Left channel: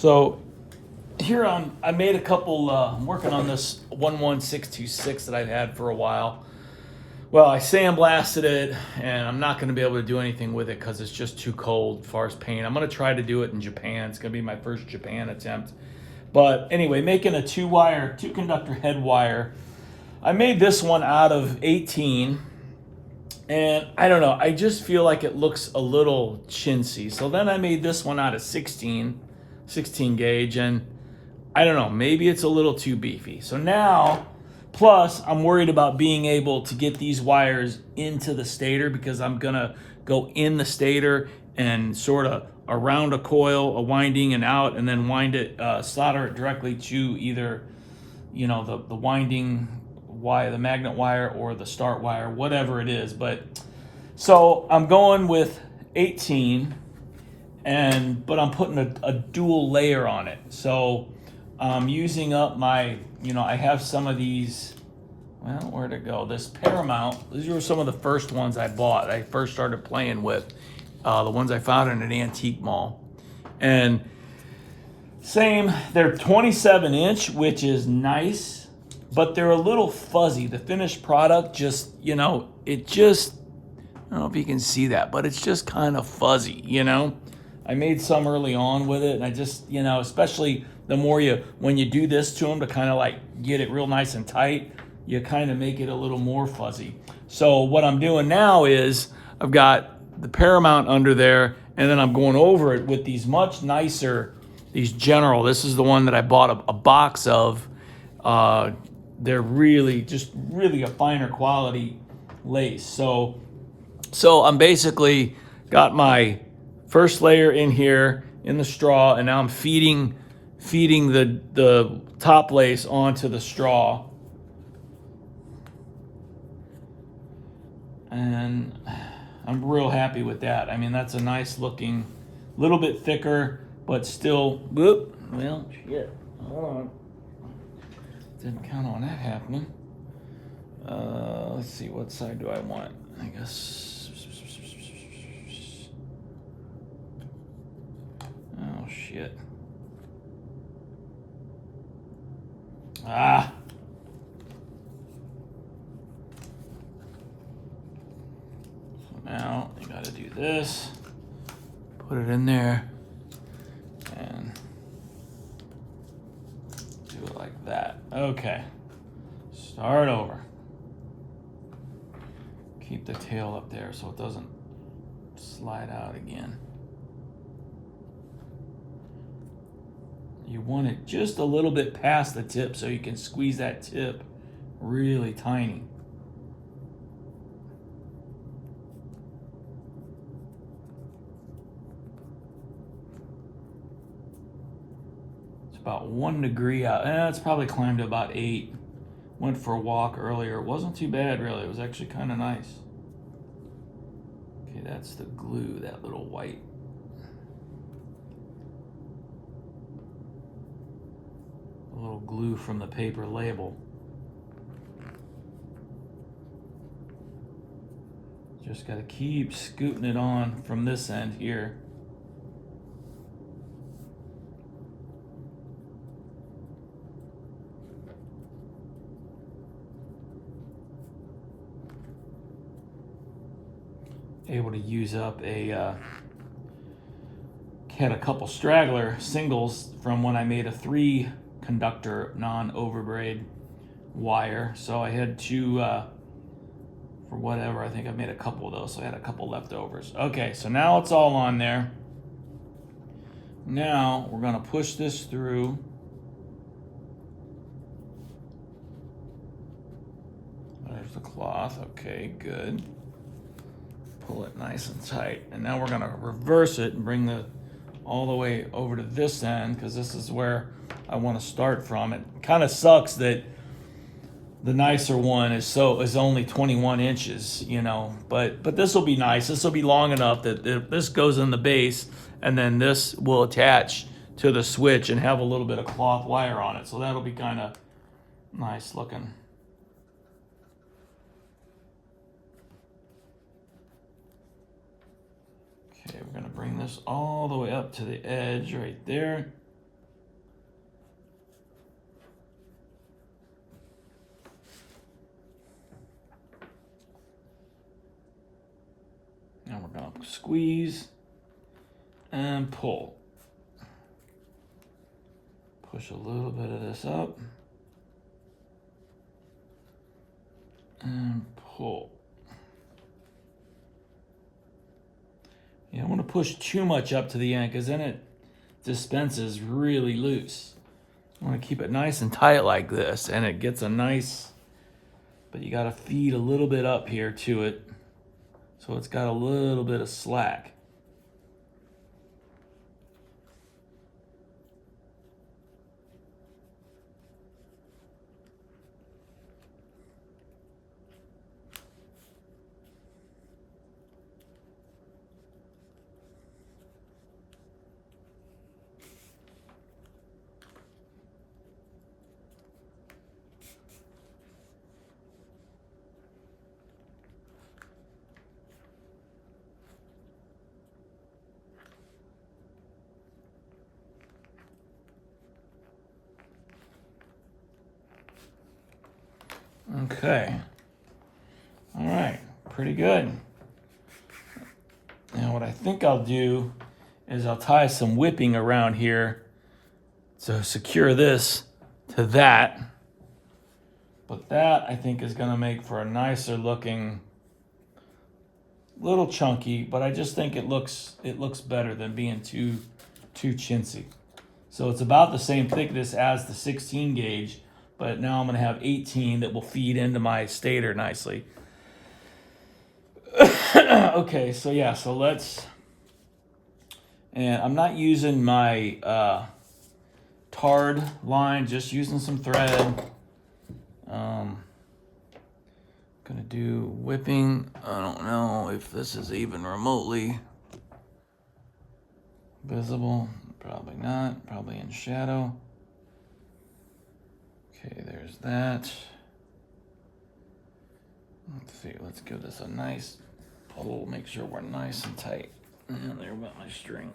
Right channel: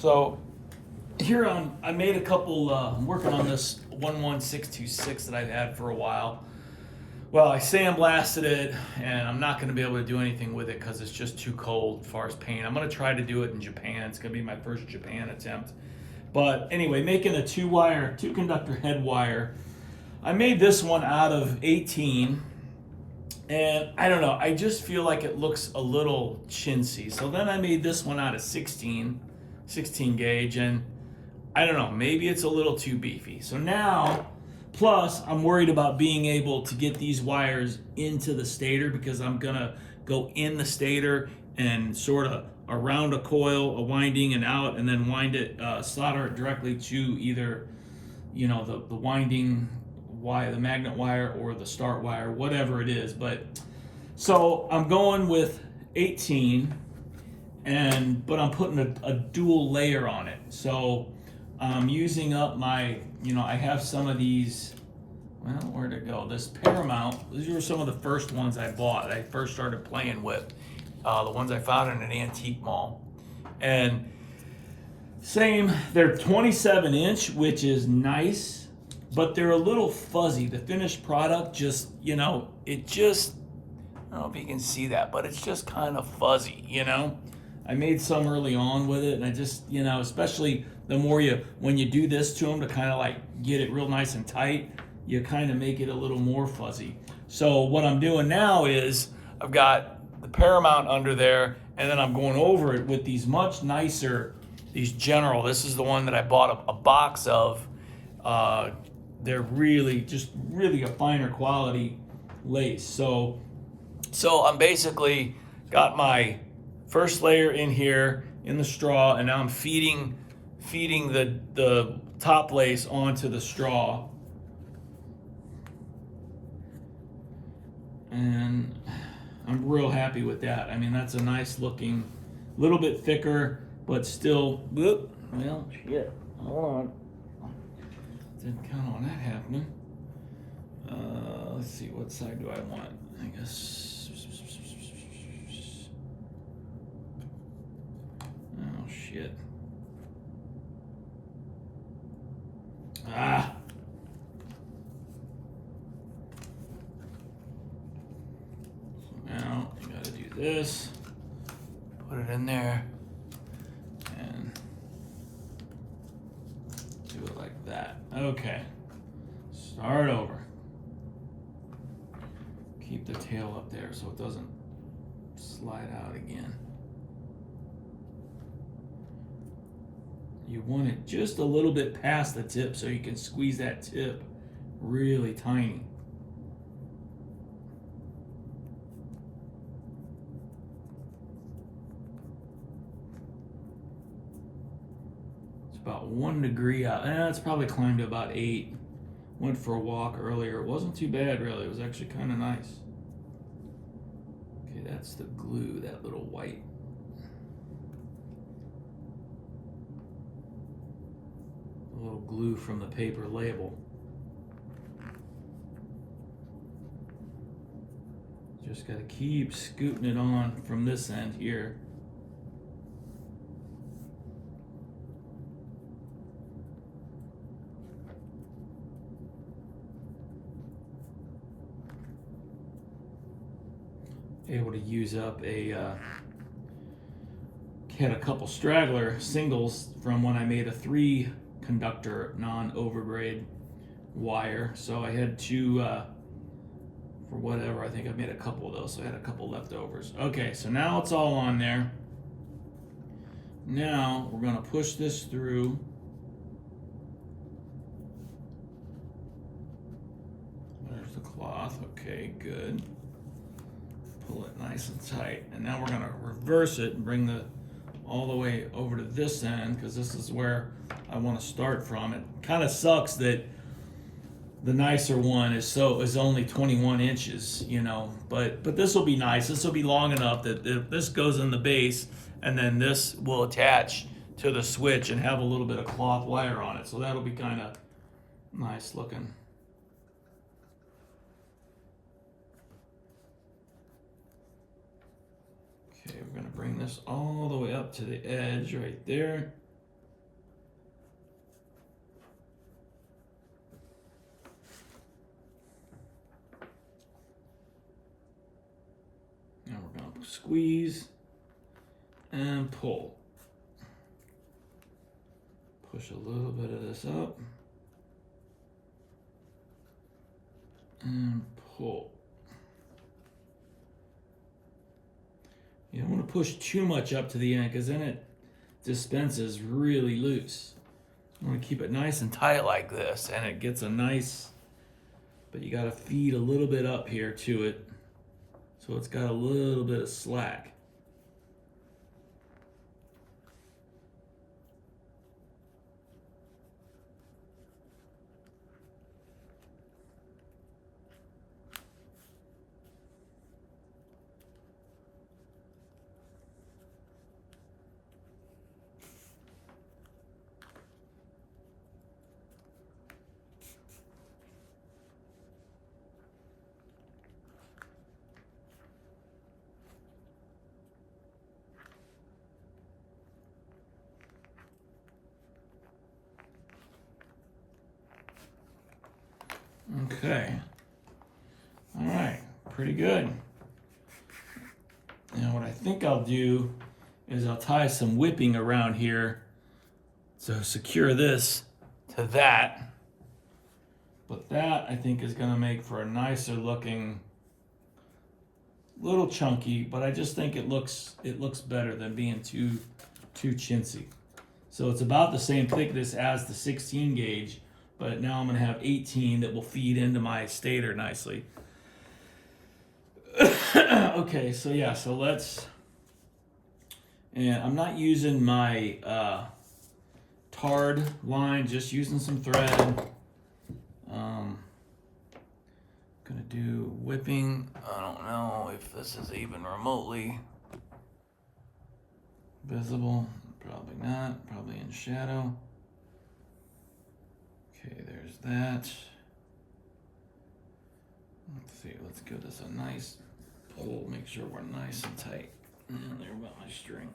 So here I made a couple, I'm working on this 11626 that I've had for a while. Well, I sandblasted it and I'm not going to be able to do anything with it because it's just too cold as far as paint. I'm going to try to do it in Japan. It's going to be my first Japan attempt. But anyway, making a two conductor head wire. I made this one out of 18. And I don't know, I just feel like it looks a little chintzy. So then I made this one out of 16 gauge, and I don't know, maybe it's a little too beefy. So now, plus I'm worried about being able to get these wires into the stator because I'm gonna go in the stator and sort of around a coil, a winding and out, and then wind it, solder it directly to either, you know, the winding wire, the magnet wire, or the start wire, whatever it is. But so I'm going with 18, but I'm putting a dual layer on it. So I'm using up my, I have some of these. Well, where'd it go? This Paramount. These were some of the first ones I bought. I first started playing with the ones I found in an antique mall, and same. They're 27-inch, which is nice. But they're a little fuzzy. The finished product just, I don't know if you can see that, but it's just kind of fuzzy, I made some early on with it, and I just, especially the more when you do this to them to kind of like get it real nice and tight, you kind of make it a little more fuzzy. So what I'm doing now is I've got the Paramount under there, and then I'm going over it with these much nicer, these General. This is the one that I bought a box of. They're really a finer quality lace. So I'm basically got my first layer in here in the straw, and now I'm feeding the top lace onto the straw. And I'm real happy with that. I mean, that's a nice looking, little bit thicker, but still, well, shit, hold on. Didn't count on that happening. Let's see, what side do I want? I guess. Oh, shit. Ah. So now you gotta do this. Put it in there. And do it like that. Okay. Start over. Keep the tail up there so it doesn't slide out again. You want it just a little bit past the tip so you can squeeze that tip really tiny. About 1 degree out. It's probably climbed to about 8. Went for a walk earlier. It wasn't too bad, really. It was actually kind of nice. Okay, that's the glue, that little white. A little glue from the paper label. Just got to keep scooting it on from this end here. Able to use up had a couple straggler singles from when I made a 3 conductor non-overbraid wire. So I had 2 for whatever. I think I made a couple of those, so I had a couple leftovers. Okay, so now it's all on there. Now we're gonna push this through. There's the cloth. Okay, good. Pull it nice and tight, and now we're going to reverse it and bring it all the way over to this end, because this is where I want to start from. It kind of sucks that the nicer one is only 21 inches, but this will be nice. This will be long enough that this goes in the base, and then this will attach to the switch and have a little bit of cloth wire on it, so that'll be kind of nice looking. Okay, we're going to bring this all the way up to the edge right there. Squeeze and pull. Push a little bit of this up and pull. You don't want to push too much up to the end because then it dispenses really loose. You want to keep it nice and tight like this, and it gets a nice, but you got to feed a little bit up here to it so it's got a little bit of slack. Okay. All right, pretty good. Now what I think I'll do is I'll tie some whipping around here to secure this to that. But that I think is gonna make for a nicer looking, little chunky, but I just think it looks better than being too chintzy. So it's about the same thickness as the 16 gauge, but now I'm gonna have 18 that will feed into my stator nicely. Okay, so yeah, so let's, and I'm not using my tarred line, just using some thread. Gonna do whipping. I don't know if this is even remotely visible. Probably not, probably in shadow. Okay, there's that. Let's see, let's give this a nice pull, make sure we're nice and tight. And there about my string.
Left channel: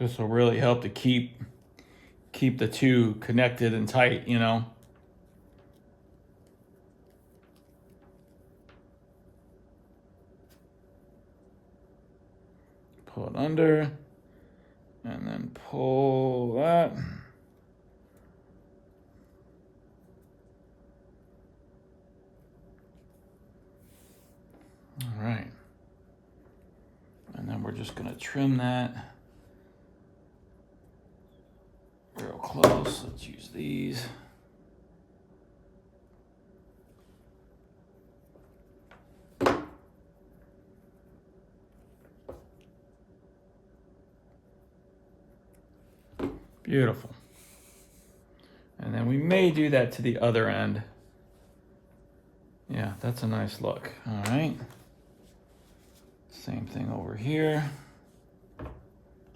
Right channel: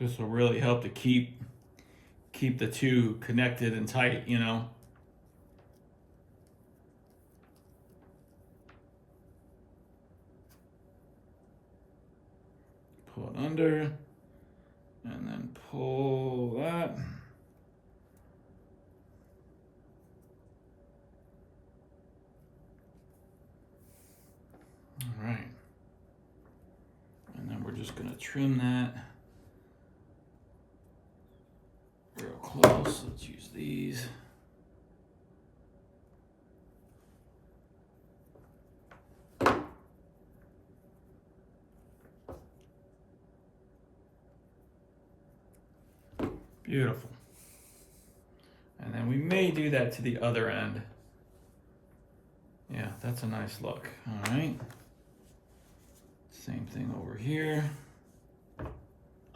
This will really help to keep the two connected and tight, you know. Pull it under, and then pull that. All right. And then we're just gonna trim that real close. Let's use these. Beautiful. And then we may do that to the other end. Yeah, that's a nice look. All right. Same thing over here.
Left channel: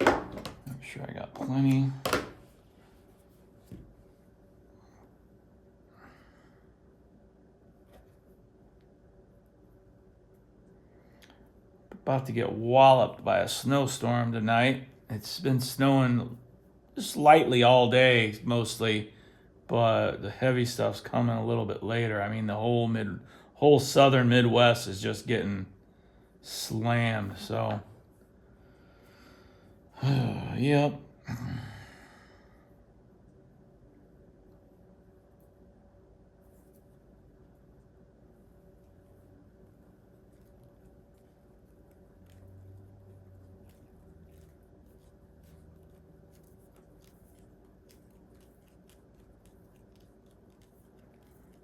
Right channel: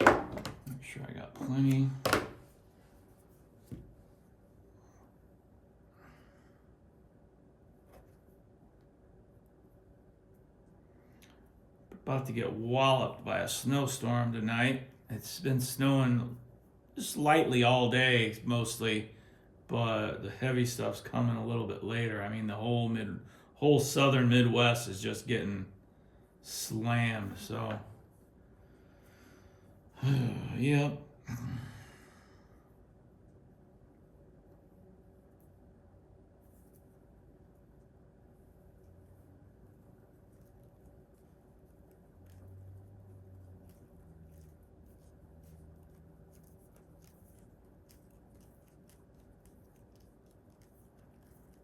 Make sure I got plenty. About to get walloped by a snowstorm tonight. It's been snowing just lightly all day mostly, but the heavy stuff's coming a little bit later. I mean, the whole southern Midwest is just getting slammed. So, yep.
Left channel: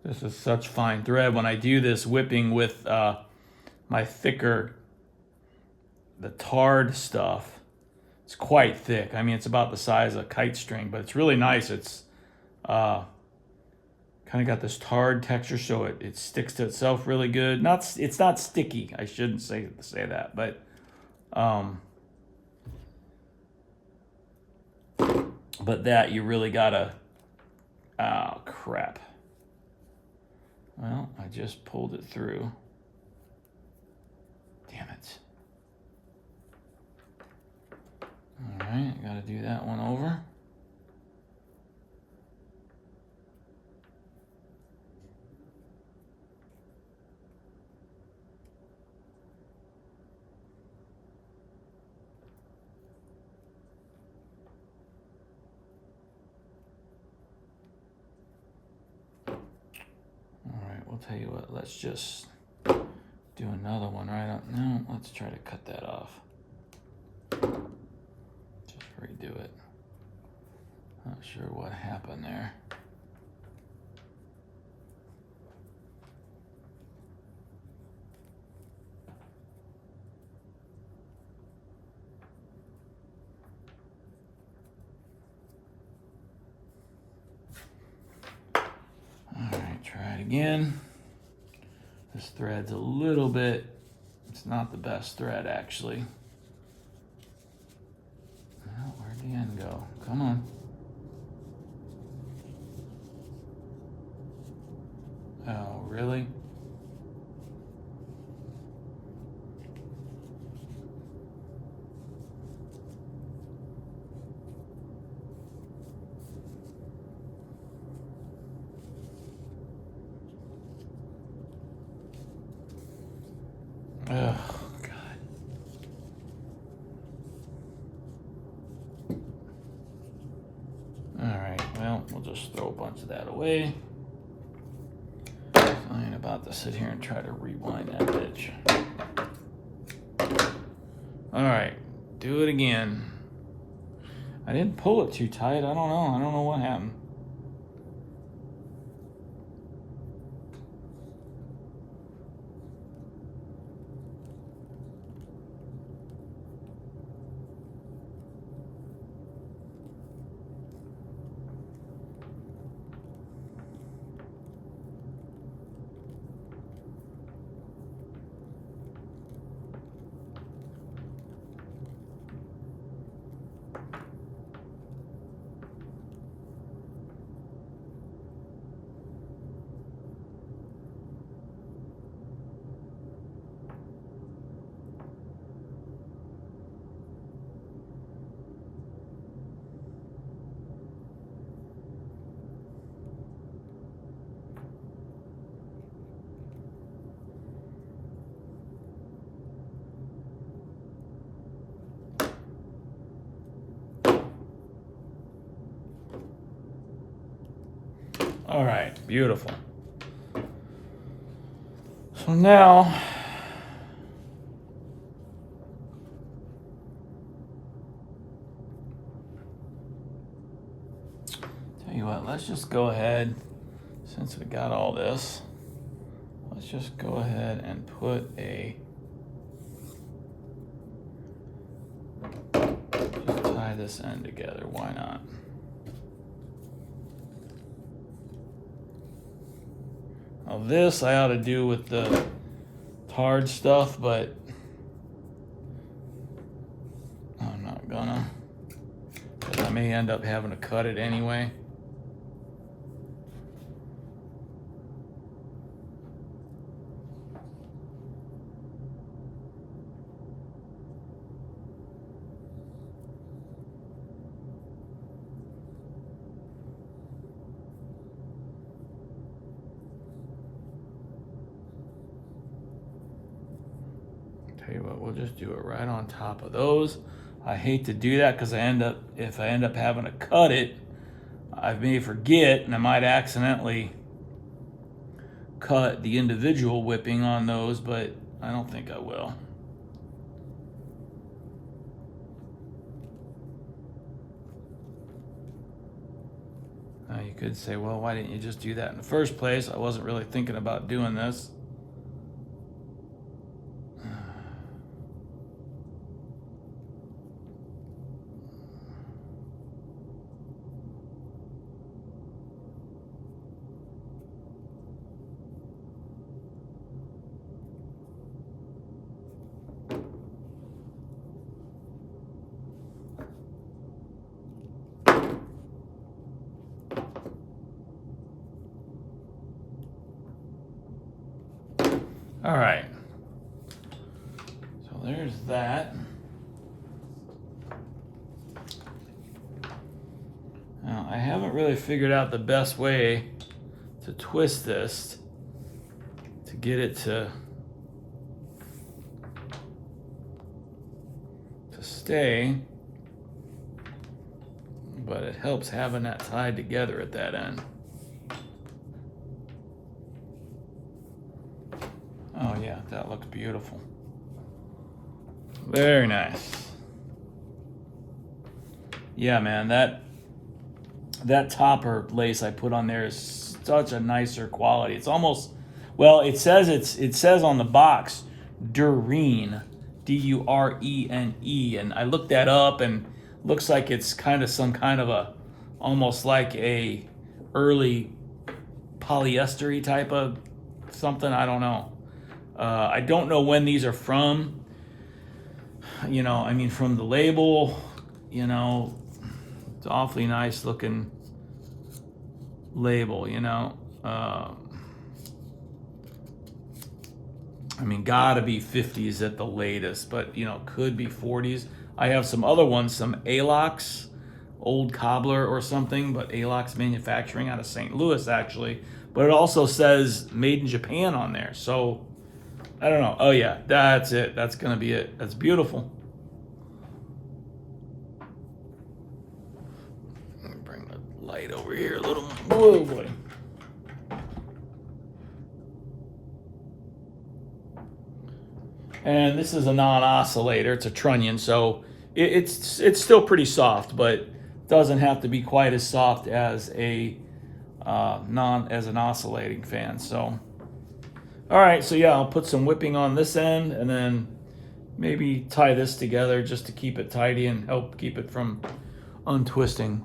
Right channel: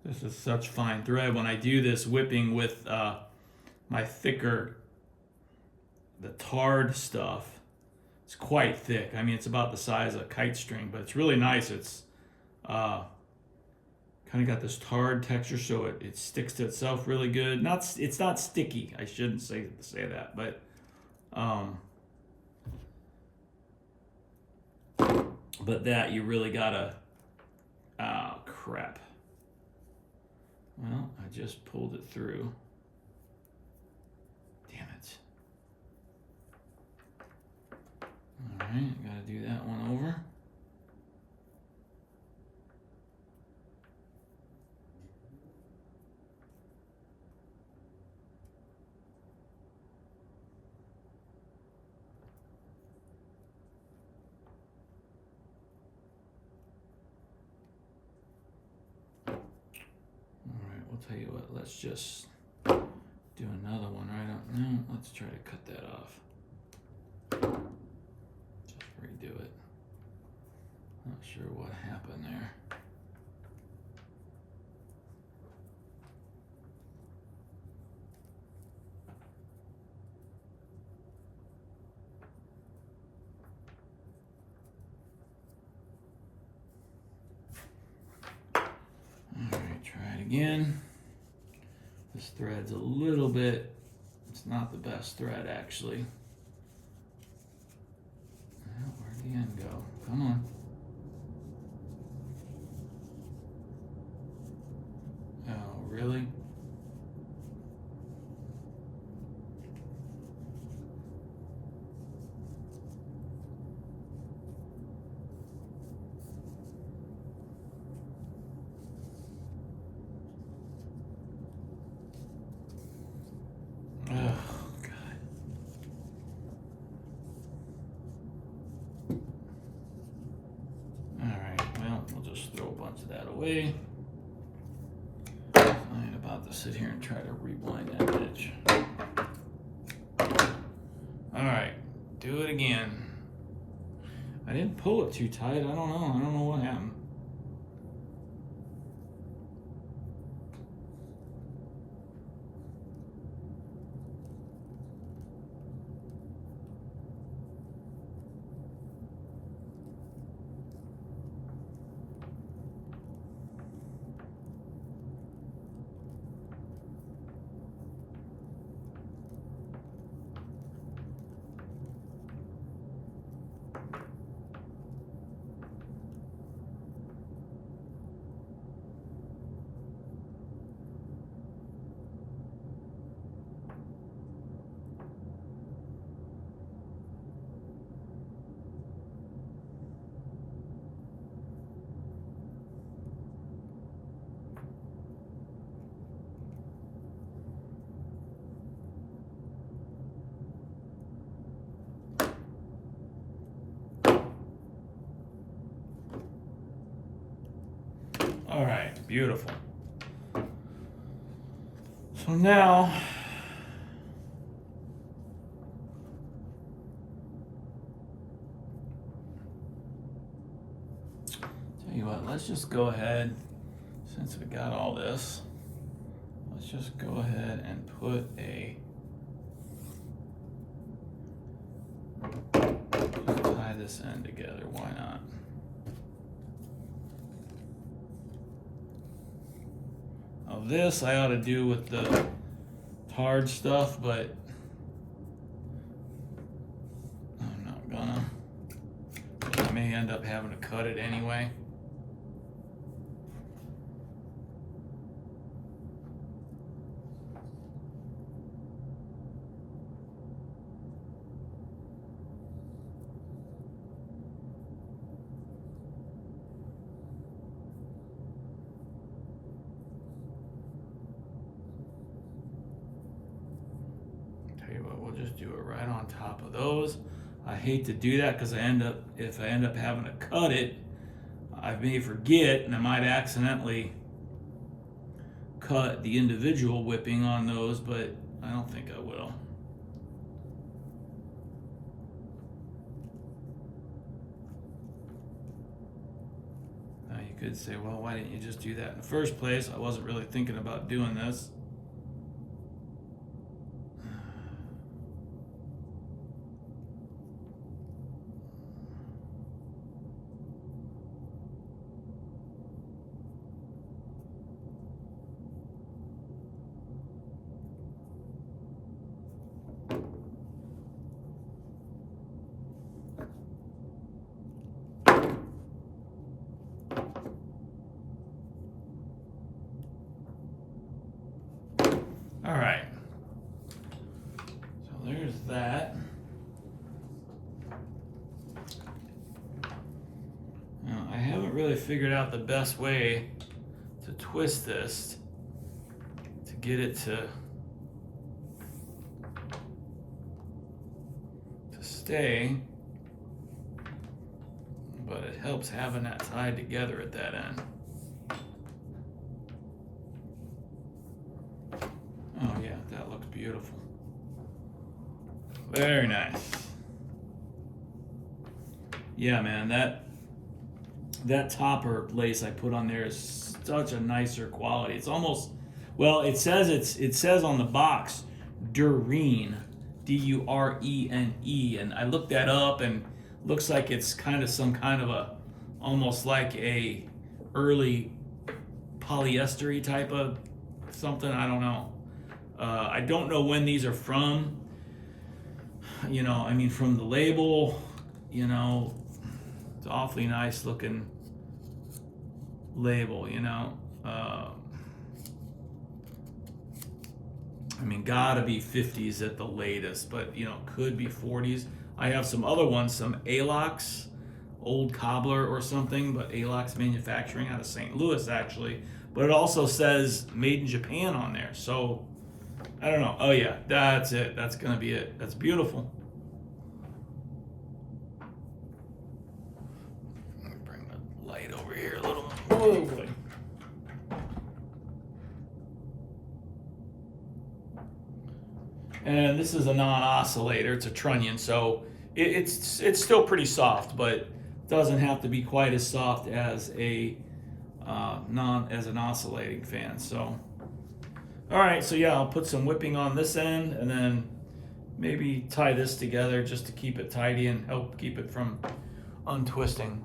This is such fine thread. When I do this whipping with my thicker, the tarred stuff, It's quite thick. I mean, it's about the size of kite string, but it's really nice. It's kind of got this tarred texture, so it sticks to itself really good. It's not sticky. I shouldn't say that, but that you really gotta. Oh crap! Well, I just pulled it through. Damn it! All right, I gotta do that one over. I'll tell you what, let's just do another one right up. No, let's try to cut that off. Just redo it. Not sure what happened there. All right, try it again. This thread's a little bit, it's not the best thread actually. Well, where'd the end go? Come on. Oh, really? Oh, God. All right, well, we'll just throw a bunch of that away. I ain't about to sit here and try to rewind that bitch. All right, do it again. I didn't pull it too tight. I don't know what happened. All right, beautiful. So now, tell you what, let's just go ahead, since we got all this, let's just go ahead and put just tie this end together, why not? Now this I ought to do with the tarred stuff, but I'm not gonna. But I may end up having to cut it anyway. We'll just do it right on top of those. I hate to do that because if I end up having to cut it, I may forget and I might accidentally cut the individual whipping on those, but I don't think I will. Now you could say, well, why didn't you just do that in the first place? I wasn't really thinking about doing this. figured out the best way to twist this to get it to stay, but it helps having that tied together at that end. Oh yeah, that looks beautiful. Very nice. Yeah, man, that topper lace I put on there is such a nicer quality. It's almost, well, it says on the box Durene, D-U-R-E-N-E, and I looked that up and looks like it's kind of some kind of a, almost like a early polyester type of something. I don't know. I don't know when these are from. You know, I mean, from the label, you know, it's awfully nice looking label, you know. I mean, gotta be 50s at the latest, but, you know, could be 40s. I have some other ones, some Alox, Old Cobbler or something, but Alox Manufacturing out of St. Louis, actually. But it also says made in Japan on there, so I don't know. Oh, yeah, that's it. That's going to be it. That's beautiful. Let me bring the light over here a little. Whoa, boy. And this is a non-oscillator. It's a trunnion, so it's still pretty soft, but doesn't have to be quite as soft as a as an oscillating fan. So, all right. So yeah, I'll put some whipping on this end, and then maybe tie this together just to keep it tidy and help keep it from untwisting.